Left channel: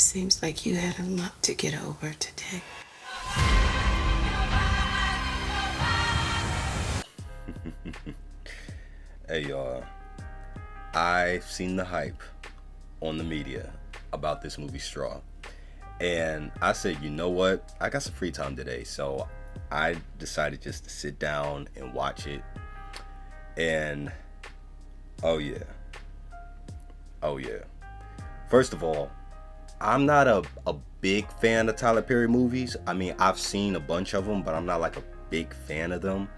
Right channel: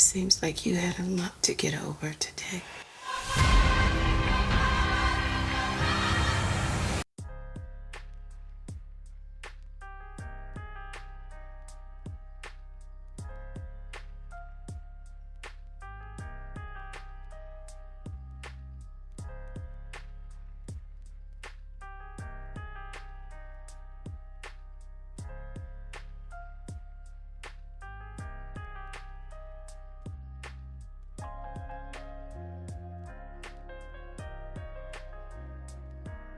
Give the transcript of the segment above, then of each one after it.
Seems like you had a lot to get over today. Hey y'all, I've seen the hype on the media about this movie Straw. And I said, you know what? I got some free time today, so I decided just to sit down and watch it. And oh yeah, oh yeah. First of all, I'm not a big fan of Tyler Perry movies. I mean, I've seen a bunch of them, but I'm not like a big fan of them.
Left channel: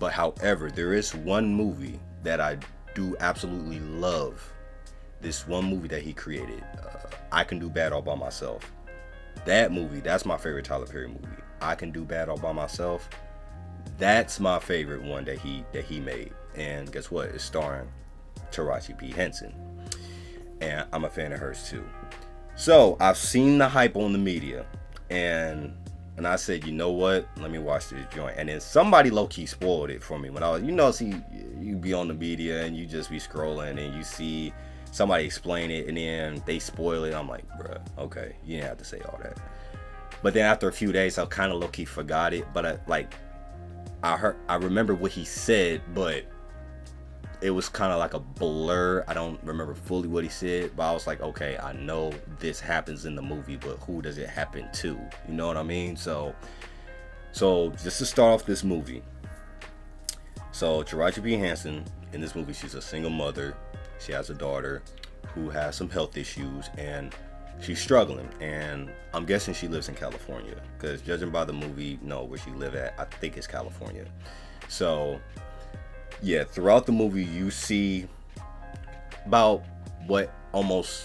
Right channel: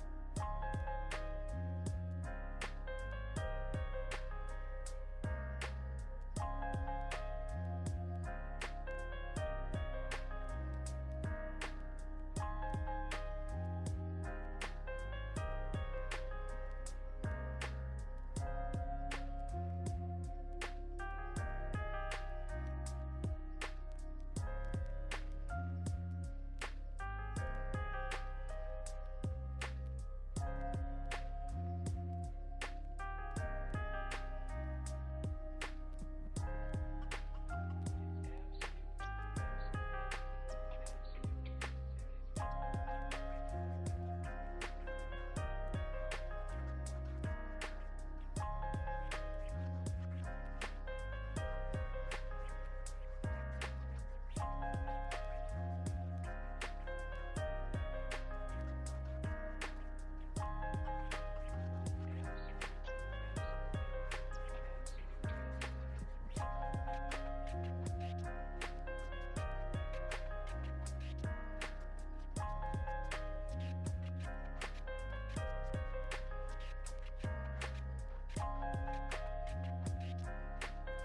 But however, there is one movie that I do absolutely love. This one movie that he created, I Can Do Bad All By Myself. That movie, that's my favorite Tyler Perry movie. I Can Do Bad All By Myself. That's my favorite one that he made. And guess what? It's starring Taraji P. Henson. And I'm a fan of hers too. So I've seen the hype on the media, and I said, you know what? Let me watch this joint. And then somebody low key spoiled it for me when I was, see, you be on the media and you just be scrolling and you see somebody explain it and then they spoil it. I'm like, bruh, okay, you didn't have to say all that. But then after a few days, I kind of low key forgot it. But I remember what he said, but it was kind of like a blur. I don't remember fully what he said, but I was like, okay, I know this happens in the movie, but who does it happen to? You know what I mean? So just to start off this movie, so Taraji P. Henson in this movie, she's a single mother. She has a daughter who has some health issues, and she's struggling. And I'm guessing she lives in California, because judging by the movie, no, where she live at, I think it's California. So yeah, throughout the movie you see about what almost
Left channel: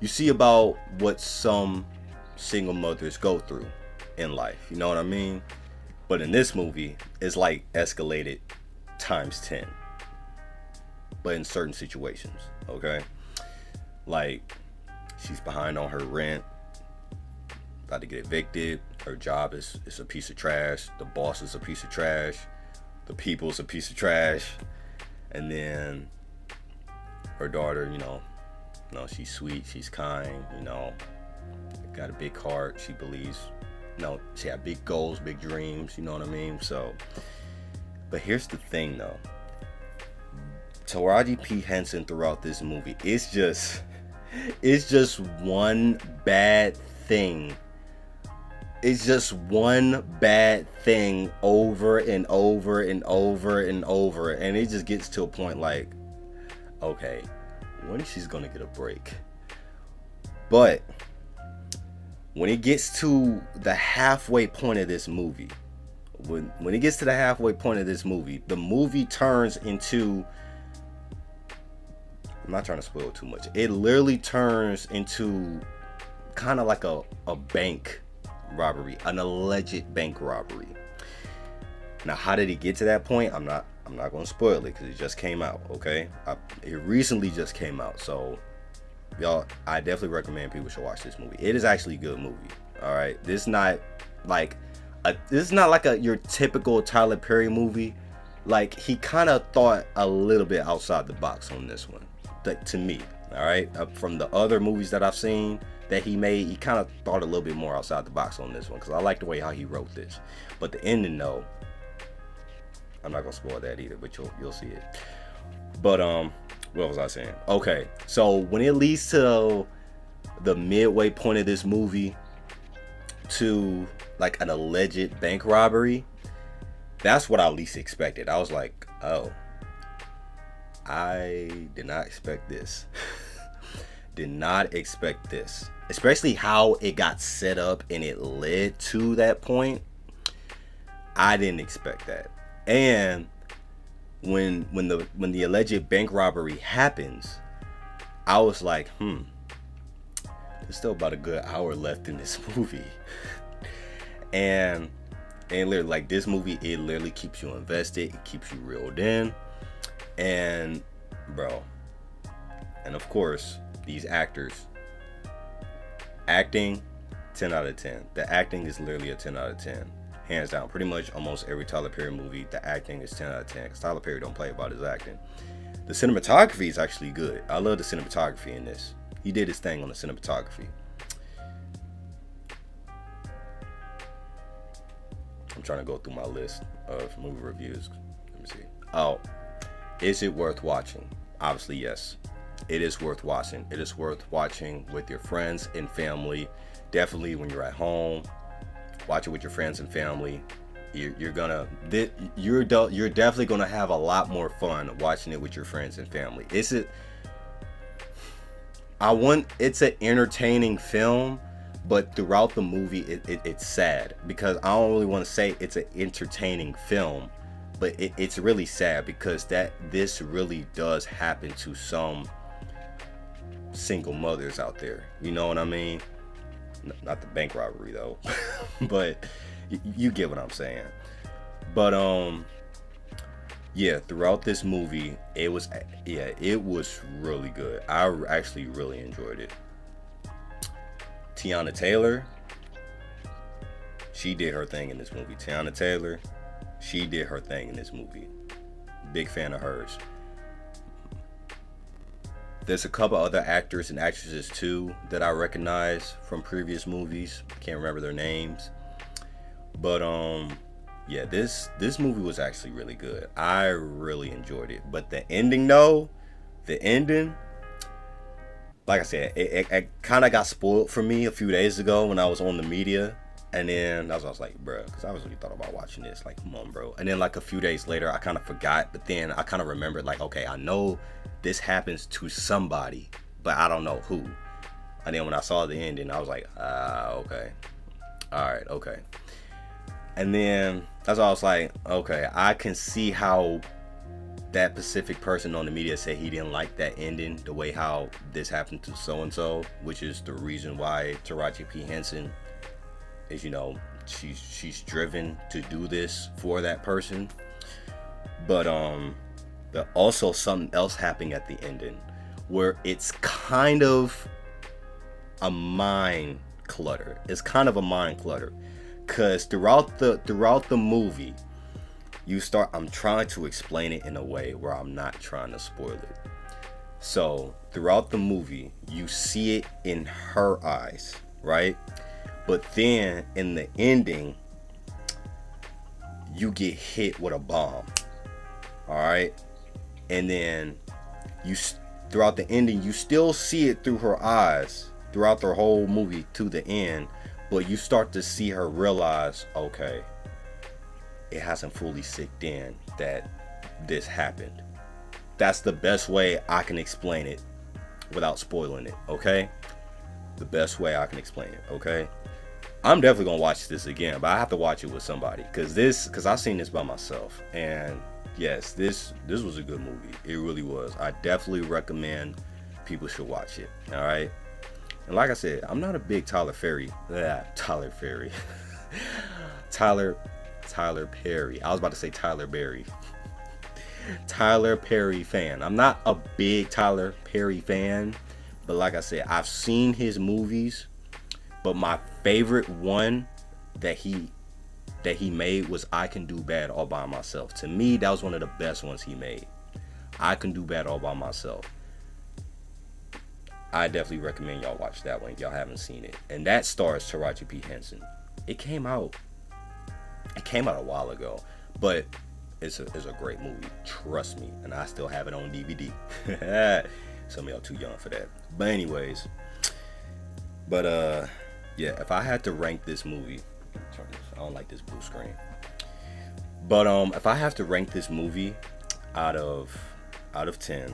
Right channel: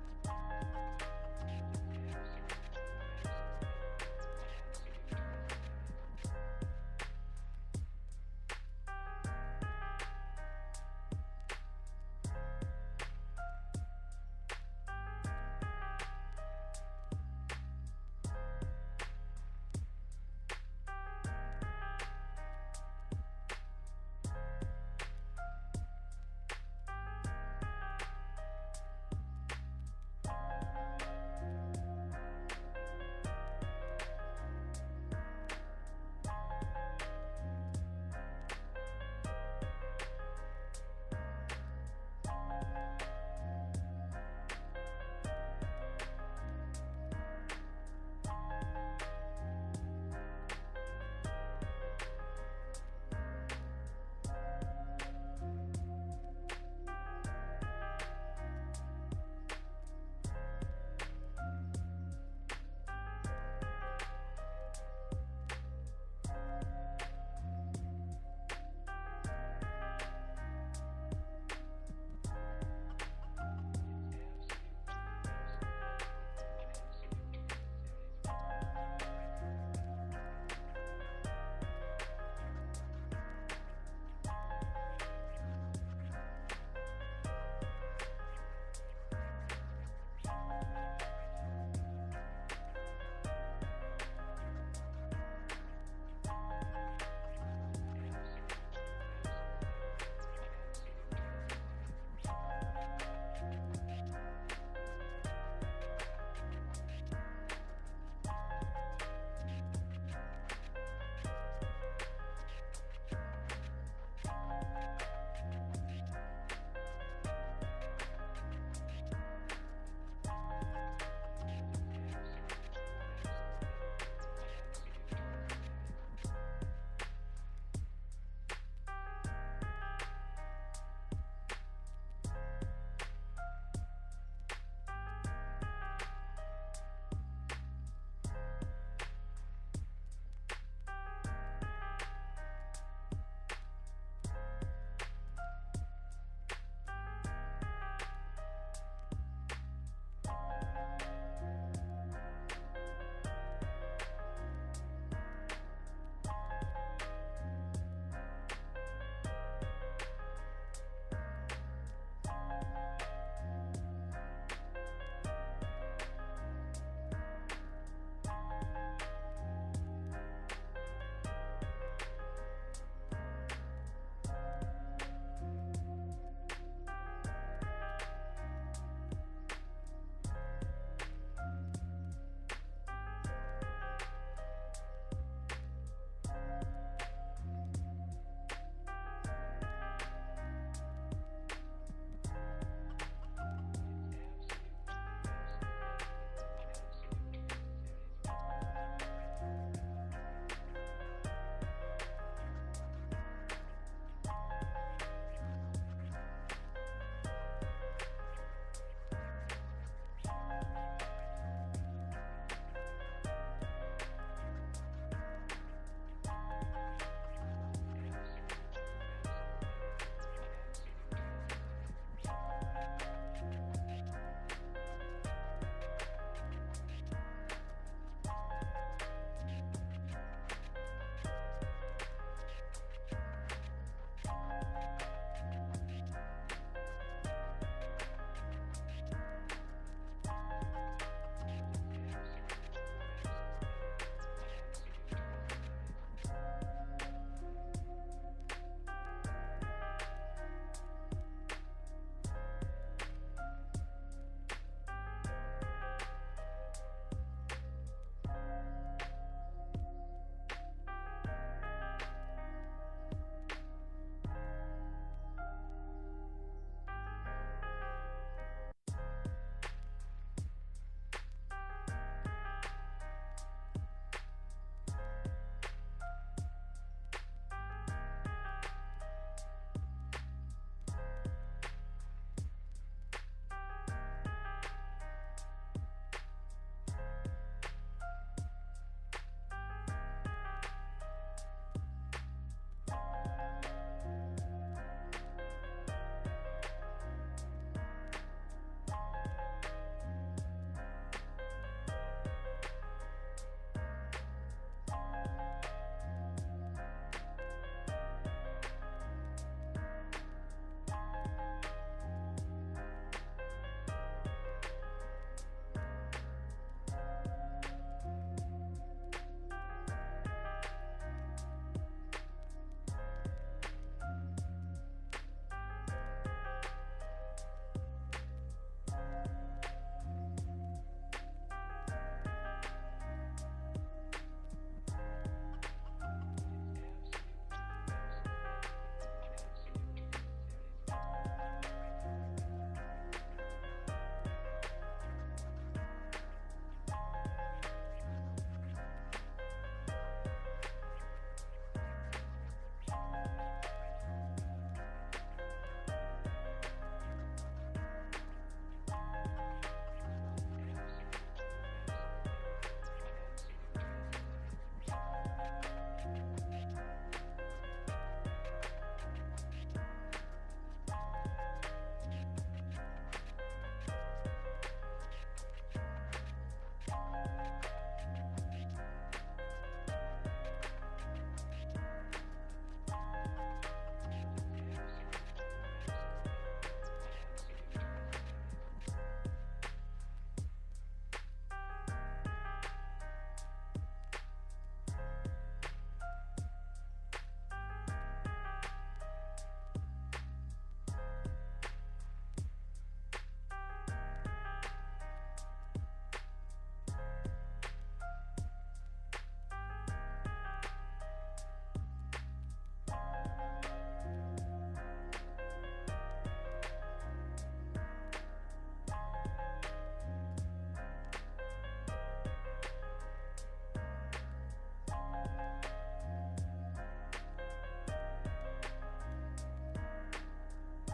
you see about what some single mothers go through in life, you know what I mean? But in this movie it's like escalated times 10, but in certain situations. Okay, like she's behind on her rent, about to get evicted. Her job is a piece of trash. The boss is a piece of trash. The people's a piece of trash. And then her daughter, she's sweet, she's kind, got a big heart. She believes, she had big goals, big dreams, you know what I mean? So, but here's the thing though. Taraji P. Henson throughout this movie, it's just one bad thing. It's just one bad thing over and over and over and over. And it just gets to a point like, okay, when is she's gonna get a break? But when it gets to the halfway point of this movie, when it gets to the halfway point of this movie, the movie turns into, I'm not trying to spoil too much. It literally turns into kind of like a bank robbery, an alleged bank robbery. Now, how did it get to that point? I'm not going to spoil it because it just came out. Okay, it recently just came out, so y'all, I definitely recommend people should watch this movie. It is actually a good movie. All right, this is not like your typical Tyler Perry movie. Like, he kind of thought a little bit outside the box on this one, to me. All right, from the other movies that I've seen that he made, he kind of thought a little bit more outside the box on this one, because I like the way how he wrote this. But the ending, though, I'm not gonna spoil that either, but you'll see it. But what was I saying? Okay, so when it leads to the midway point of this movie to like an alleged bank robbery, that's what I least expected. I was like, oh, I did not expect this. Did not expect this, especially how it got set up and it led to that point. I didn't expect that. And when the alleged bank robbery happens, I was like, there's still about a good hour left in this movie. and literally, like, this movie, it literally keeps you invested, it keeps you reeled in. And bro, and of course, these actors acting, 10 out of 10. The acting is literally a 10 out of 10, hands down. Pretty much almost every Tyler Perry movie, the acting is 10 out of 10, because Tyler Perry don't play about his acting. The cinematography is actually good. I love the cinematography in this. He did his thing on the cinematography. I'm trying to go through my list of movie reviews. Let me see. Oh, is it worth watching? Obviously, yes. It is worth watching. It is worth watching with your friends and family. Definitely when you're at home, watch it with your friends and family. You're definitely gonna have a lot more fun watching it with your friends and family. It's an entertaining film, but throughout the movie it's sad, because I don't really want to say it's an entertaining film, but it's really sad because this really does happen to some single mothers out there. You know what I mean? Not the bank robbery though, but you get what I'm saying. But yeah, throughout this movie, it was really good. I actually really enjoyed it. Tiana Taylor, she did her thing in this movie. Tiana Taylor, she did her thing in this movie. Big fan of hers. There's a couple other actors and actresses too that I recognize from previous movies. Can't remember their names. But yeah, this movie was actually really good. I really enjoyed it. But the ending though, like I said, it kind of got spoiled for me a few days ago when I was on the media. And then I was like, bro, because I was really thought about watching this. Like, come on, bro. And then like a few days later, I kind of forgot. But then I kind of remembered, like, okay, I know this happens to somebody, but I don't know who. And then when I saw the ending, I was like, okay. All right, okay. And then that's why I was like, okay, I can see how that specific person on the media said he didn't like that ending, the way how this happened to so-and-so, which is the reason why Taraji P. Henson is, she's driven to do this for that person. But also something else happening at the ending where it's kind of a mind clutter. Cause throughout the movie, I'm trying to explain it in a way where I'm not trying to spoil it. So throughout the movie, you see it in her eyes, right? But then in the ending, you get hit with a bomb. All right. And then throughout the ending, you still see it through her eyes throughout the whole movie to the end. But you start to see her realize, okay, it hasn't fully sinked in that this happened. That's the best way I can explain it without spoiling it, okay? The best way I can explain it, okay? I'm definitely gonna watch this again, but I have to watch it with somebody because I've seen this by myself, and yes, this was a good movie. It really was. I definitely recommend people should watch it. All right, and like I said, I'm not a big Tyler Perry. Tyler Perry. I was about to say Tyler Berry. Tyler Perry fan. I'm not a big Tyler Perry fan, but like I said, I've seen his movies. But my favorite one that he made was I Can Do Bad All By Myself. To me, that was one of the best ones he made. I Can Do Bad All By Myself. I definitely recommend y'all watch that one if y'all haven't seen it. And that stars Taraji P. Henson. It came out a while ago, but it's a great movie. Trust me. And I still have it on DVD. Some of y'all too young for that. But anyways, yeah, if I had to rank this movie, I don't like this blue screen. But if I have to rank this movie out of 10,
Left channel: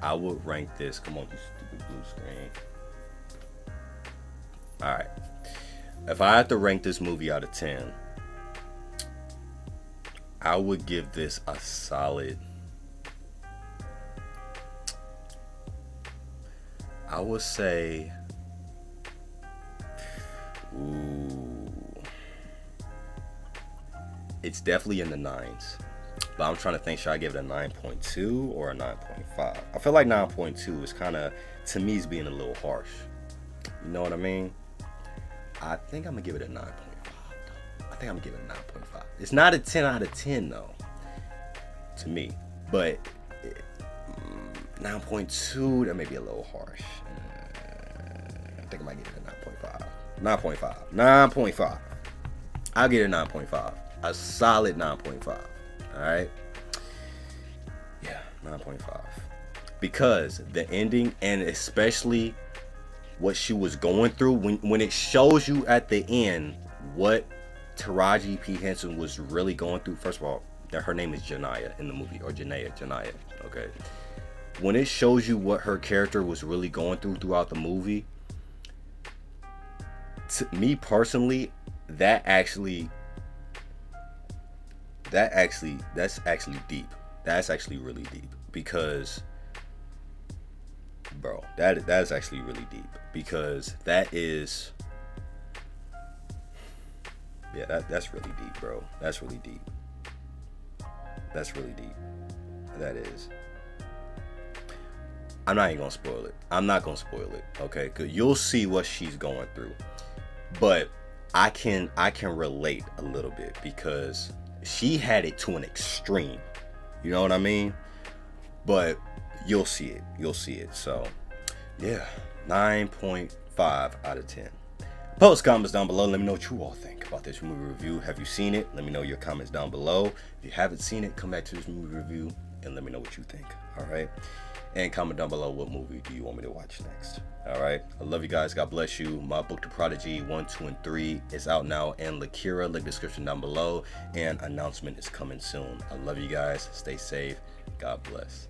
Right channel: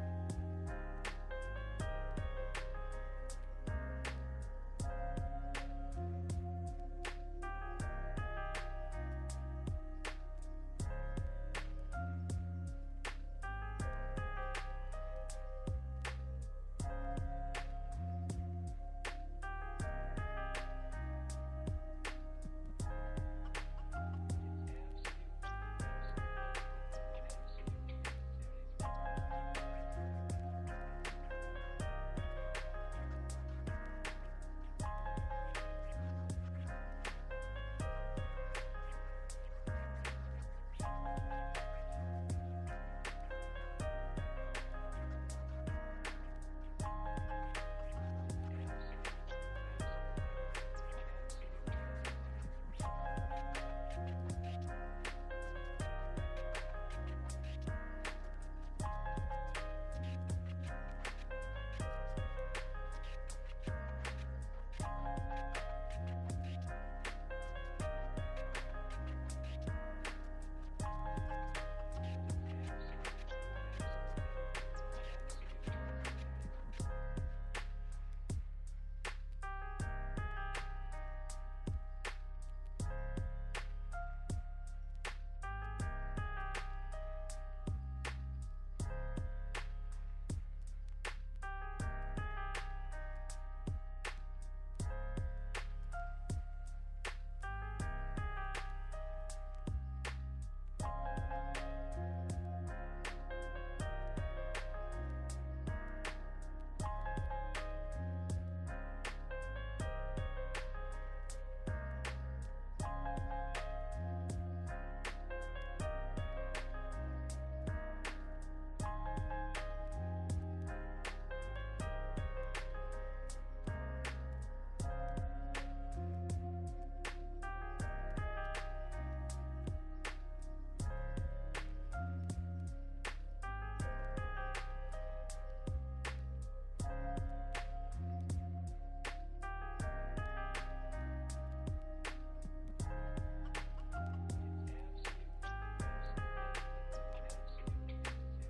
I would rank this. Come on, you stupid blue screen. All right. If I had to rank this movie out of 10, I would give this a solid. I would say. It's definitely in the 9s, but I'm trying to think, should I give it a 9.2 or a 9.5? I feel like 9.2 is kind of, to me, is being a little harsh. You know what I mean? I think I'm gonna give it a 9.5. I think I'm gonna give it a 9.5. It's not a 10 out of 10 though, to me, but 9.2, that may be a little harsh. I think I might give it a 9.5. 9.5. I'll get a 9.5. A solid 9.5. Alright? Yeah, 9.5. Because the ending, and especially what she was going through, when it shows you at the end what Taraji P. Henson was really going through. First of all, her name is Janaya in the movie, or Janaya, okay? When it shows you what her character was really going through throughout the movie, to me personally, that's actually deep. That's actually really deep, because bro, that's actually really deep, because that's really deep, bro. That's really deep. That's really deep. That is. I'm not even gonna spoil it. I'm not gonna spoil it, okay? Cause you'll see what she's going through. But I can relate a little bit, because she had it to an extreme. You know what I mean? But you'll see it. You'll see it. So yeah, 9.5 out of 10. Post comments down below. Let me know what you all think about this movie review. Have you seen it? Let me know your comments down below. If you haven't seen it, come back to this movie review and let me know what you think. All right? And comment down below, what movie do you want me to watch next? All right? I love you guys. God bless you. My book, The Prodigy 1, 2, and 3 is out now. And Lakira, link description down below. And announcement is coming soon. I love you guys. Stay safe. God bless.